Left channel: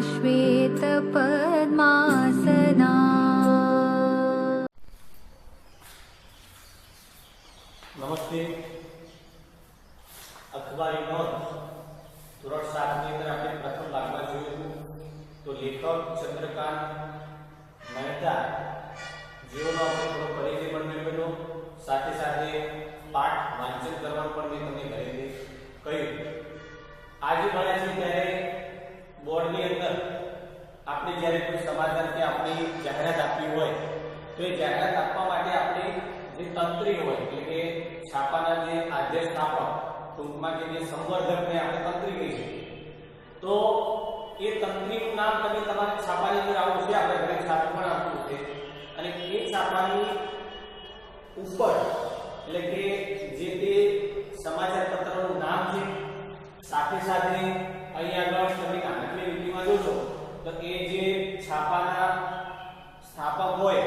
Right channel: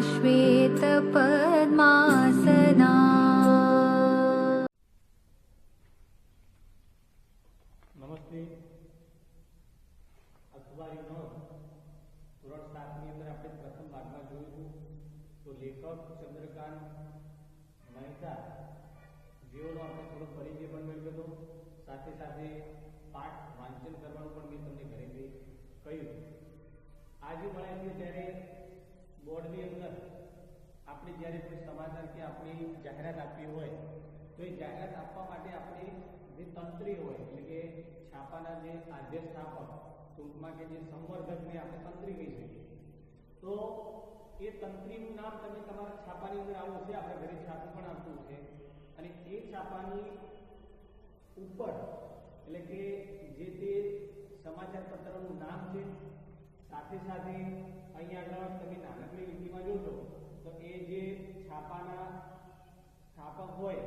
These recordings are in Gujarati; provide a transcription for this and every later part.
श्वेतपद्मा જ્યારે કોઈ સમાચાર કે આપણી જાહેરાત આપવી હોય, તો એ જાહેરાત આપવા માટે આપણે જે તંત્રી હોય, એટલે કે છાપાના જે આદ્ય સ્થાપક, ટૂંકમાં કે જે સંવર્ધકને આપણે તંત્રી કહી શકીએ. તો એ તંત્રીનું નામ તમે તમારી છાપાની અંદર આવું છે, આપણે ઘરે છાપું પણ આપવું છે. અને એ છાપાની ઉપર, એટલે કે જે તે સમાચાર પત્રનું નામ છે, સાથે સાથે અહીં આગળ તમે નાનકડી લીટીમાં જોશો તો એ જે છાપાના સ્થાપક હોય,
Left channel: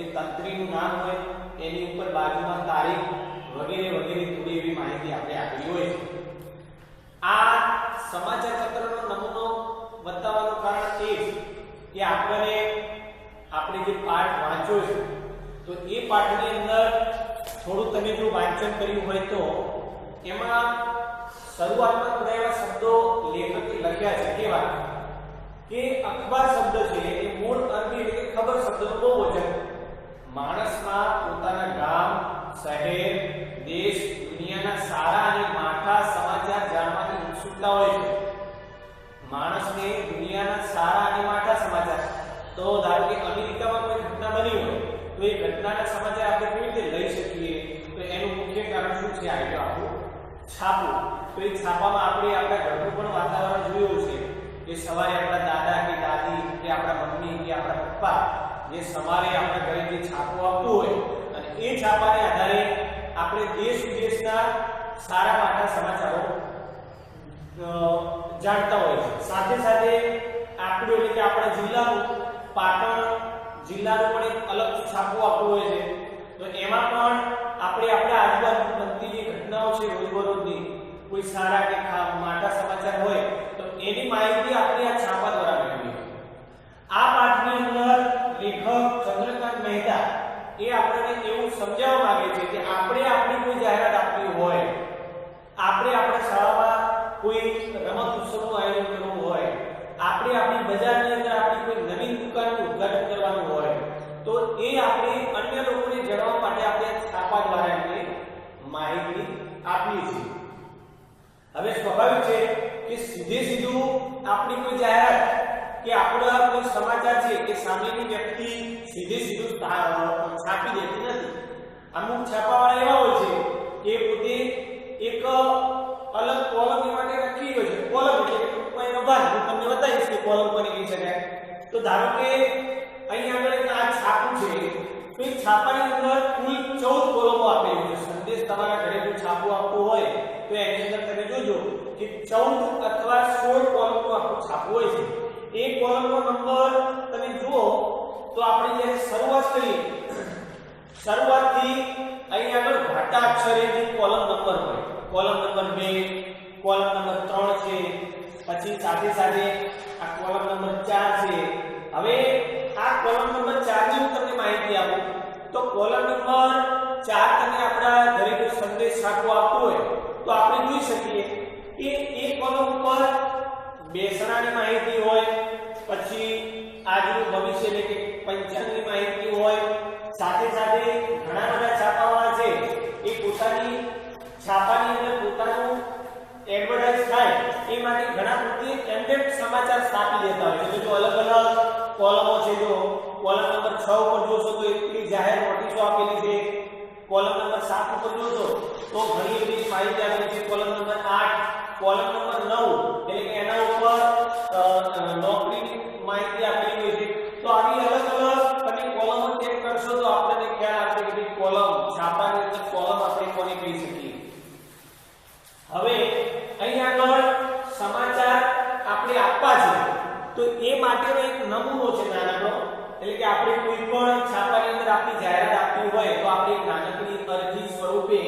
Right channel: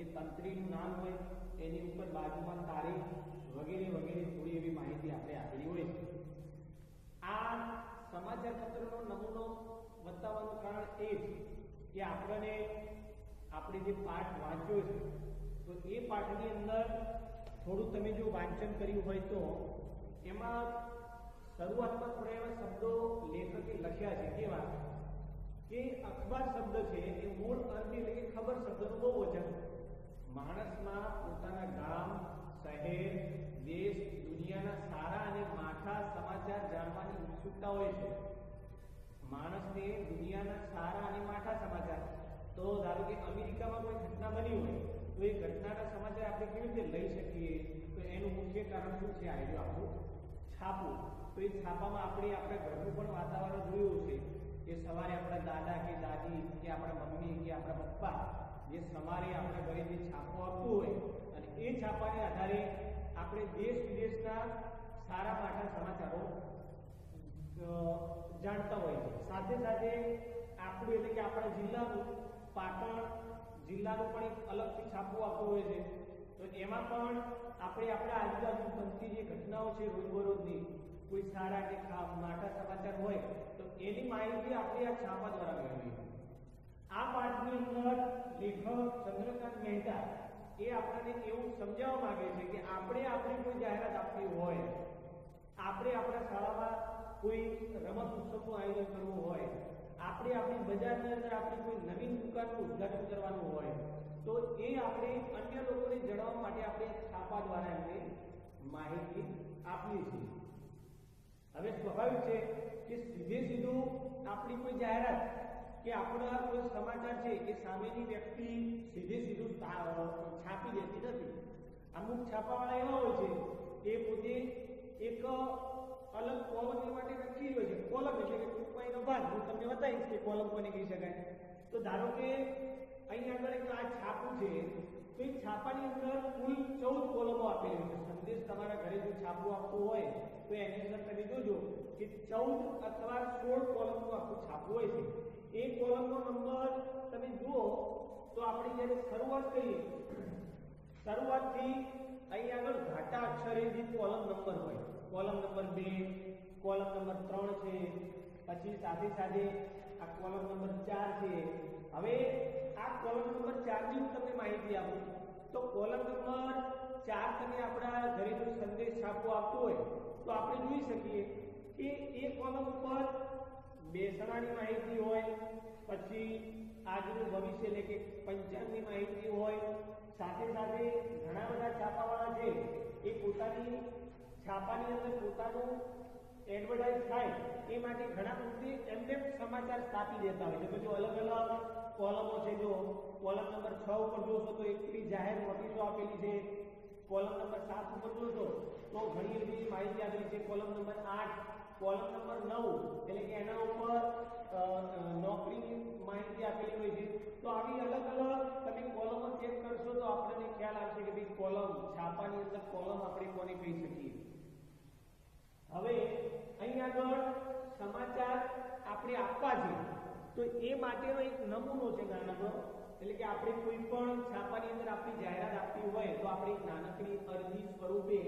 એ તંત્રીનું નામ હોય, એની ઉપર બાજુમાં તારીખ વગેરે વગેરે થોડી એવી માહિતી આપણે આપેલી હોય છે. આ સમાચાર પત્રનો નમૂનો બતાવવાનું કારણ એ છે કે આપણને આપણે જે પાઠ વાંચ્યો છે, તો એ પાઠની અંદર થોડું તમે જો વાંચન કર્યું હોય તો એમાં શરૂઆતમાં થોડા એવા શબ્દો લેખકે લખ્યા છે. કેવા? કે અખબાર શબ્દ છે એ મૂળ અરબી એટલે કે ખબર શબ્દનો બહુવચન માણસના પોતાના ગામ, શહેર, દેશ, દુનિયાના સારા અને માઠા સમાચાર જાણવાની ઉત્સુકતા હોય છે. માણસને દુનિયાના સારા અને માઠા સમાચાર. તો ધારો કે અમેરિકામાં કોઈ ઘટના બની હોય, તો એ ઘટનાના સમાચાર આપણે કેવી રીતે લઈ શકીએ? તો એનું મુખ્ય કારણ શું છે? આઈડિયો આપણું છાપું. તો એ છાપામાં આપણે આપણા ઘરનું પણ વાતાવરણ જોયું છે કે સવારે આપણા દાદા કે દાદી કે આપણા મમ્મી કે આપણા પપ્પા જે સવારે આપણા ઘરે જે છાપું આપતું હોય અને એ છાપાને આધારે આપણે દેશ વિદેશના સારા માટા સમાચારો જાણતા હોય છે સાથે સાથે આપણું એટલે કે આપણા જિલ્લાનું પાટણ જિલ્લાનું પણ એક અલગ છાપું આપવું હોય છે. તો એમાં પણ આપણે આપણા આજુબાજુ બનતી જે ઘટનાઓ છે રોજબરોજની, કોઈ સારા કે માટા સમાચાર હોય, તો એની માહિતી આપણે આ છાપા દ્વારા મેળવીએ આ પાઠની અંદર લેખક ચંદ્રકાંત મહેતા એ આપણને એવું સમજાવવા માંગે છે કે આપણે આપણી કોઈ જાહેરાત આપવી હોય, આપણે આપણા શાળામાં કોઈ રમત ઉત્સવનું આયોજન કરવું હોય, આપણે આપણી બજારની અંદર આપણી કોઈ નવી દુકાનનું ઉદ્ઘાટન કરવાનું હોય, તો એ આપણે અન્ય લોકોને જણાવવા માટે આપણે છાપા દ્વારા એમને માહિતી આપીએ છીએ. હવે સ્વાભાવિક છે કે સીધે સીધું આપણી કોઈ જાહેરાત કે આપણા કોઈ સમાચાર છે કે સામેની વ્યક્તિ સીધે સીધું છાપી દેતી નથી. અમુક છાપાવાળા એવા હોય છે કે પોતે એક અલગ કોલમ એ માટે રાખી હોય છે કોલમ એટલે કે ટૂંકમાં એનો ભાગ, હું તમને બતાવીશ કે કોલમ કોને કહી શકાય તો ધારો કે અહીં આગળ આ છાપું છે, તો એ છાપાની અંદર કુલ ચૌદ કોલમો આપેલી છે. સંદેશ તમારા ઘરે જો છાપું આપવું હોય, તો એની અંદર તમે જોજો કે ચૌદ અથવા સોળ કોલમનું આખું છાપું હોય છે. એ કોલમનો નંબર તમે જુઓ, તો આપણે જ્યારે શરૂઆત કરીએ શરૂઆતથી અહીં આગળ ઘાટા અક્ષરે જે કોલમ નંબર હોય કોલમ નંબર 2 કોલમ નંબર 3 છે, પછી સાથે સાથે આ કોલમ નંબર 4 છે. હવે આ કોલમ નંબર 4 ની હું તમને માહિતી આપું. તો કોલમ નંબર 4 તમે આપણા દરેક સંદેશ છાપવો આપતો હોય, તો આપણે જોઈ શકીએ કે એ કોલમ ઉપર બેસણાની માહિતી હોય, પછી આજનું ભવિષ્ય એટલે કે પંચાંગની માહિતી હોય, સાથે સાથે ઘણા બધા છાપાવાળા છે. એ પોતાની છાપાની અંદર પોતાનું એડવર્ટાઇઝ થાય એ માટે ઘણા બધી એન્ડેડ સમાચાર સ્થાપી દેતા હોય છે. જો અલગ અલગ કોલમો છે, જો કોલમ નંબર 6 ઉપર જોશો તો એટલી જાહેર નોટિસો આપેલી છે. કોલમ નંબર 7 ઉપર જોશો તો ઘણી બધી માહિતી આપેલી છે. કોલમ નંબર 8 કોલમ નંબર 9 એટલે કે એના ઉપર નોકરીની માહિતી આપેલી હોય છે. તો આવી અલગ અલગ તમે કોલમો ચેક કરશો તો આપણને ખ્યાલ આવશે કે ભાઈ કોલમ છાપાની અંદર કોલમ આપણે કોને કહી શકીએ? હવે અહીં આગળ સમાચાર આપણે આપવા છે તો એ માટેનો એક નમૂનો છે નાનકડો. એટલે કે આપણે કોઈ પણ છાપાની અંદર આપણી જાહેરાત આપવી હોય તો આપણે એક નાનકડી અરજી સ્વરૂપે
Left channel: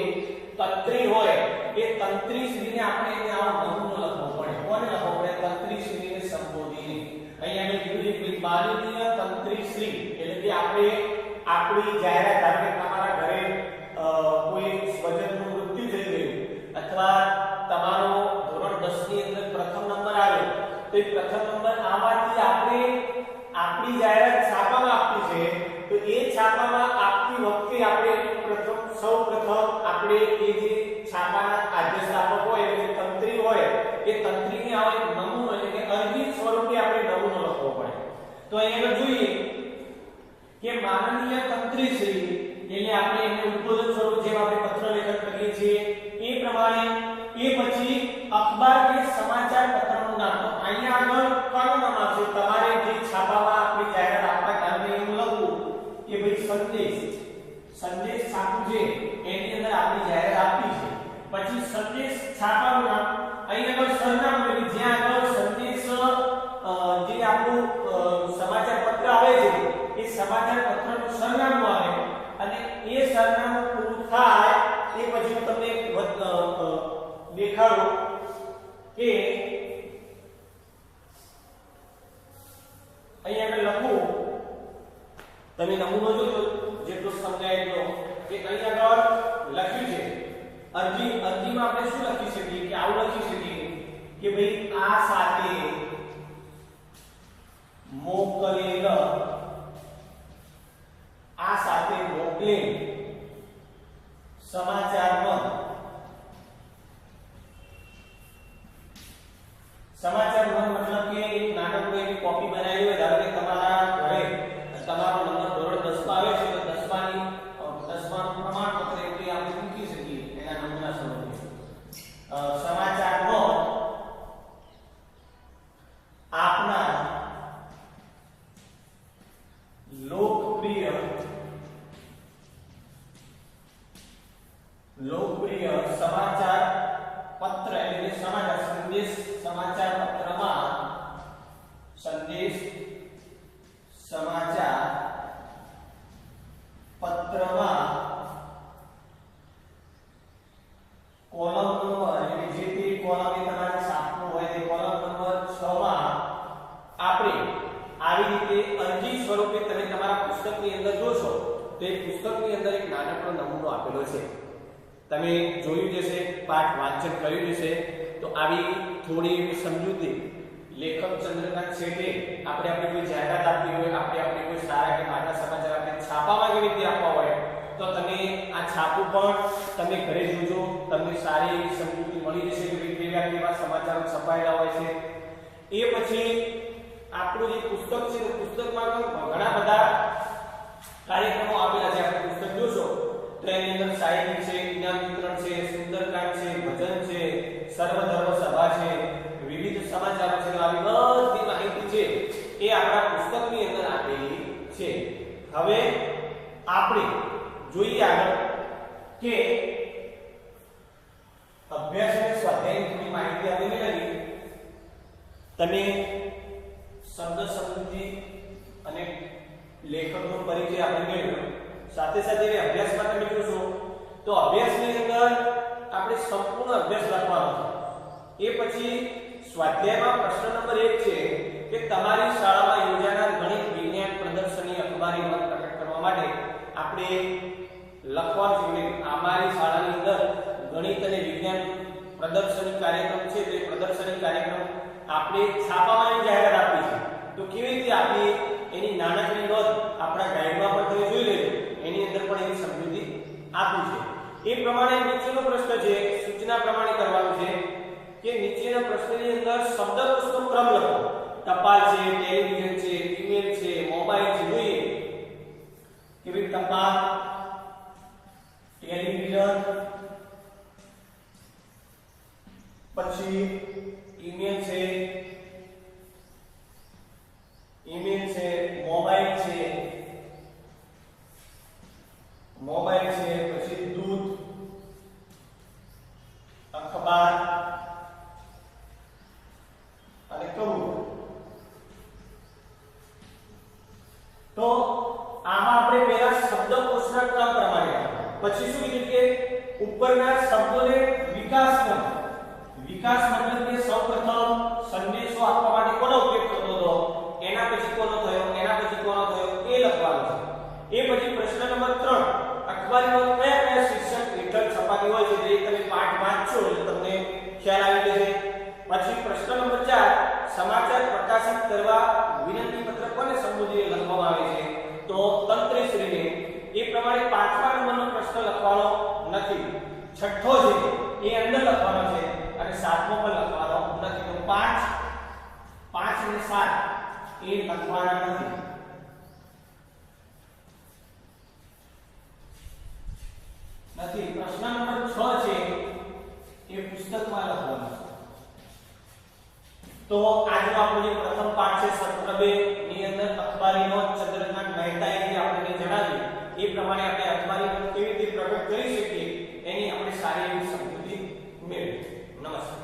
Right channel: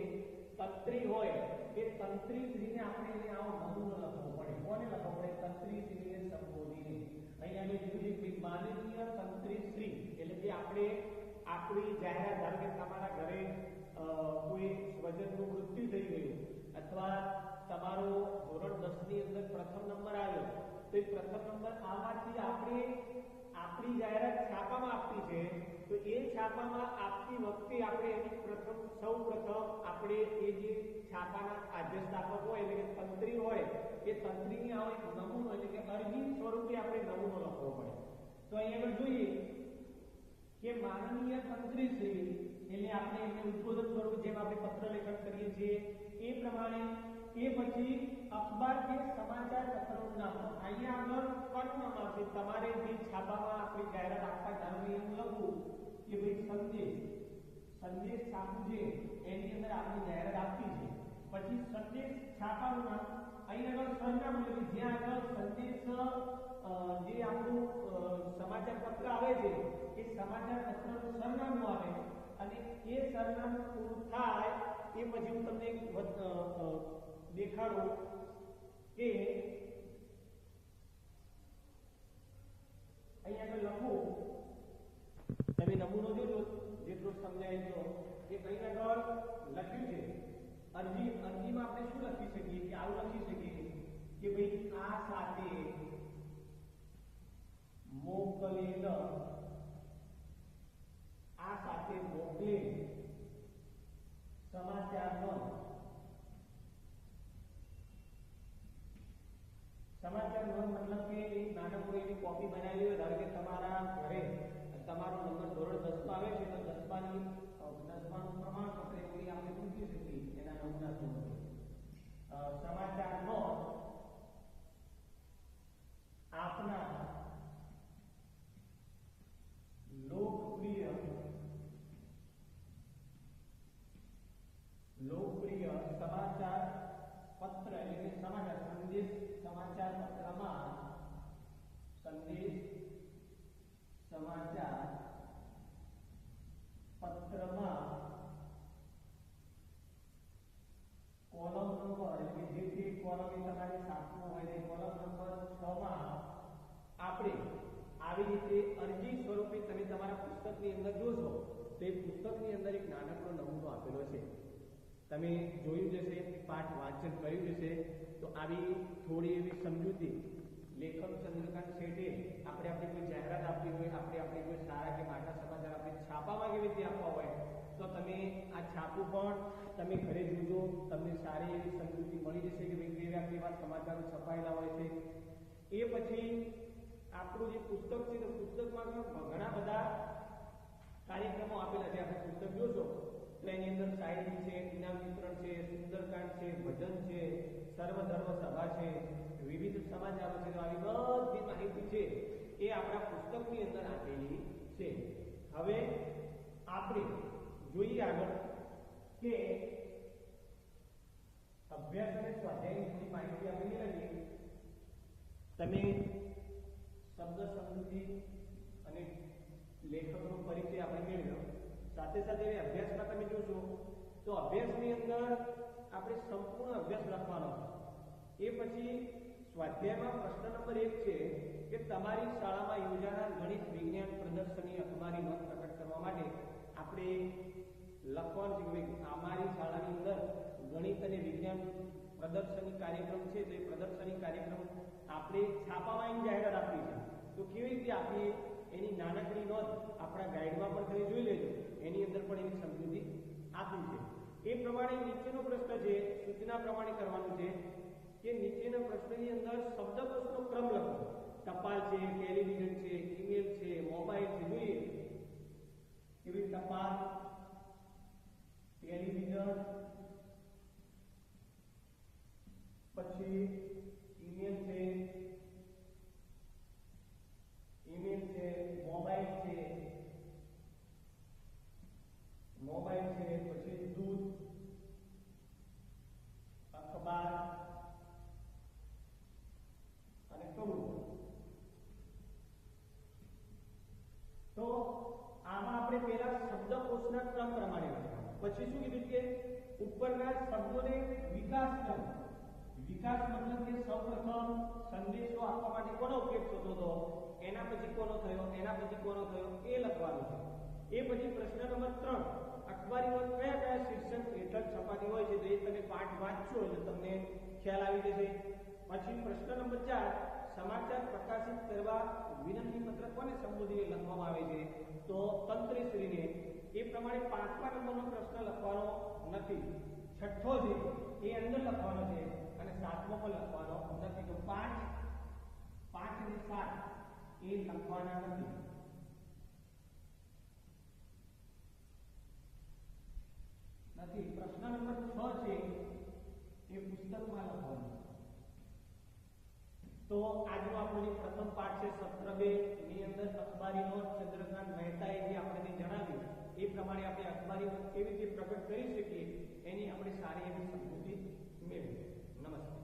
તંત્રી હોય એ તંત્રી શ્રીને આપણે એને નમૂનો લખવો પડે. કોને લખવો પડે? તંત્રી શ્રીને સંબોધીને. અહીંયા મેં કીધું માનનીય તંત્રી શ્રી એટલે કે આપણે આપણી જાહેરાત ધારો તો એ પ્રથમ નંબર આમાંથી આપણે આપણી જાહેરાત છાપામાં આપવી છે. તો એ છાપામાં આપતી વખતે આપણે પ્રથમ સૌપ્રથમ આપણે એ જે છાપાના આદ્ય હોય એટલે તંત્રી હોય, એ તંત્રીને આવો એક નમૂનો એટલે કે અરજી સ્વરૂપે આપણે નમૂનો લખવો પડે. તો અહીંયા જોઈએ કે માનનીય તંત્રી શ્રી એટલે આપણે એને ઉદ્બોધન સ્વરૂપ જેમ આપણે પત્ર લેખન કરીએ છીએ, એ પ્રમાણે એ પછી સંદેશ છાપું છે, એની અંદર આપણી જાહેરાત આપી છે. પછી સંદેશ છાપવાનું અહીં આગળ સરનામું એટલે જ્યાં આગળ સંદેશ જે આપણું સમાચાર પત્ર આવે છે, એ સમાચાર પત્રનું સરનામું આવે. અને એ સરનામું પૂરું થાય, એ પછી હું તમને દેખાડું કે, અહીં આગળ લખું. તમે નમૂનો જોજો જેટલો સમજાય એટલો, કે અહીં આગળ લખ્યું છે, અરજી, અરજીમાં આપણે શું લખી શકીએ, કે આવું લખી શકીએ, કે ભાઈ આ સાથે મોકલેલ, આ સાથે મોકલે સમાચારમાં. સમાચાર મન મતલબ કે નાનકડું એની કોપી બનાવી લોકપ્રિય સમાચાર પત્ર એટલે સમાચાર, સંદેશ સમાચાર પત્રમાં સંદેશ સમાચાર પત્રમાં કોલમ નંબર એટલે જે તે કોલમ તમારે છાપવું હોય તે કોલમ નંબર 6 માં આપણે આવી રીતે અરજી સ્વરૂપે તમે તમારા પુસ્તકની અંદર જોશો તો એ પુસ્તકની અંદર એક નાનકડો નમૂનો આપેલો છે. તમે જોયું જશે પાઠ વાંચન કર્યું જશે તો આવી થોડી એવી સમજૂતી લેખક ચંદ્રકાંત શેઠે આપણે આપણી કોઈ જાહેરાત આપવી હોય, આપણે આપણી કોઈ સારા કે માટા સમાચાર આપણે છાપામાં કેવી રીતે આપવા હોય, તો તમે આ છાપું પણ તમે ઘરે જોજો. તમને સારી એવી સમજૂતી મળી જશે કે કેવા કેવા સમાચારો છપાયેલા હોય છે. એ પછી આપણું જે પુસ્તક છે, પુસ્તકમાં પણ ઘણા બધા કાર્યક્રમો આપેલા છે. આપણે પુસ્તક જોશો. એની અંદર સાહિત્ય છે ઇનામ વિતરણ છે, સુંદરકાંડ છે, ભજન છે, સર્વધર્મ સભા છે, વિવિધ સમાચારો છે. આવી બધી માહિતી છે એ આપણા પુસ્તકની અંદર આપેલી છે. હવે આપણે જોઈએ આગળ કે અભ્યાસ અને સ્વાધ્યાયની માહિતી આપેલી મેળવી તમે શબ્દ સમૃદ્ધિ અને લેખકનો પરિચય આપણે મેળવ્યો. સાથે સાથે એ અભ્યાસમાં તમે જોશો તો અભ્યાસની અંદર આપણે સંપૂર્ણ અભ્યાસ લખવાનો છે. એ પછી સ્વાધ્યાયમાં પ્રશ્ન નંબર એક છે કે તમારી શાળામાં યોજાનાર ગણિત, વિજ્ઞાન, પ્રદર્શની અખબારીમાં મત પ્રકટ કરવા માટે આપણે લખવાનું છે કે અમારી શાળાની અંદર ગણિત અને વિજ્ઞાન પ્રદર્શની કાર્યક્રમ છે, તે પ્રદર્શની કાર્યક્રમ આપણે છાપામાં જાહેરાત આપી છે. તો કેવી રીતે આપી? એની નાનકડી નોંધ આપણા ગાઈડમાં પણ તમે જોઈ લેજો. એની અંદર પણ એની સમજૂતી આપી છે. એ પ્રમાણે નીચેનો પ્રશ્ન છે, સૂચના પ્રમાણે કરવાનો છે કે નીચેના પ્રશ્નની અંદર શબ્દકોશનો ક્રમ લખો. ટપાલ છે, ટેલિવિઝન છે, ઈમેલ છે, મોબાઈલ છે, જોઈએ. કે ભાઈ ટપાલ, ટેલિવિઝન, પછી ઈમેલ છે ઈમેલ છે મોબાઈલ છે મોબાઈલ છે પછી દૂધ અખબાર અને કબૂતર તો પછી શું કીધું કે ઉપરના શબ્દોને વિકાસ કરો વિકાસ મતલબ કે સૌપ્રથમ સંદેશો આપવા માટે કોનો ઉપયોગ થતો હતો એના પછી કોનો થયો એના પછી કોનો થયો એ લખવાનું છે એ પછી પ્રશ્ન નંબર 3 અખબારીમાં કયા કયા શીર્ષક હેઠળ છપાતી હોય છે જે તમે પાઠ વાંચશો એટલે તમને ખ્યાલ આવી જશે પછી પ્રશ્ન નંબર 4 સમાચાર પ્રકાશિત કરવા વિનંતી પત્ર કોને સંબોધીને લખવામાં આવે છે તો તંત્રીશ્રીને એ પ્રમાણે પાંચમા નંબરનો પ્રશ્ન લખવાનો નથી. છઠ્ઠો છે, એ અંદર લખવાનો છે અને સાતમો પણ લખવાનો નથી. તો પાંચ પાંચ અને સાત એ લખવાના નથી. નથી. પ્રશ્ન નંબર છ છે, એ પુસ્તકમાં લખવાનો. છે તો આજનો આપણો જે પ્રથમ પાઠ છે સત્ર 2 ની અંદર અખબારીનો ચંદ્રકાંત મહેતા એ આપણને જણાવ્યું એ પ્રમાણે આપણે અખબારી કેવી રીતે પ્રગટ કરી શકીએ એની આપણે સારી એવી સમજૂતી મેળવી નમસ્કાર.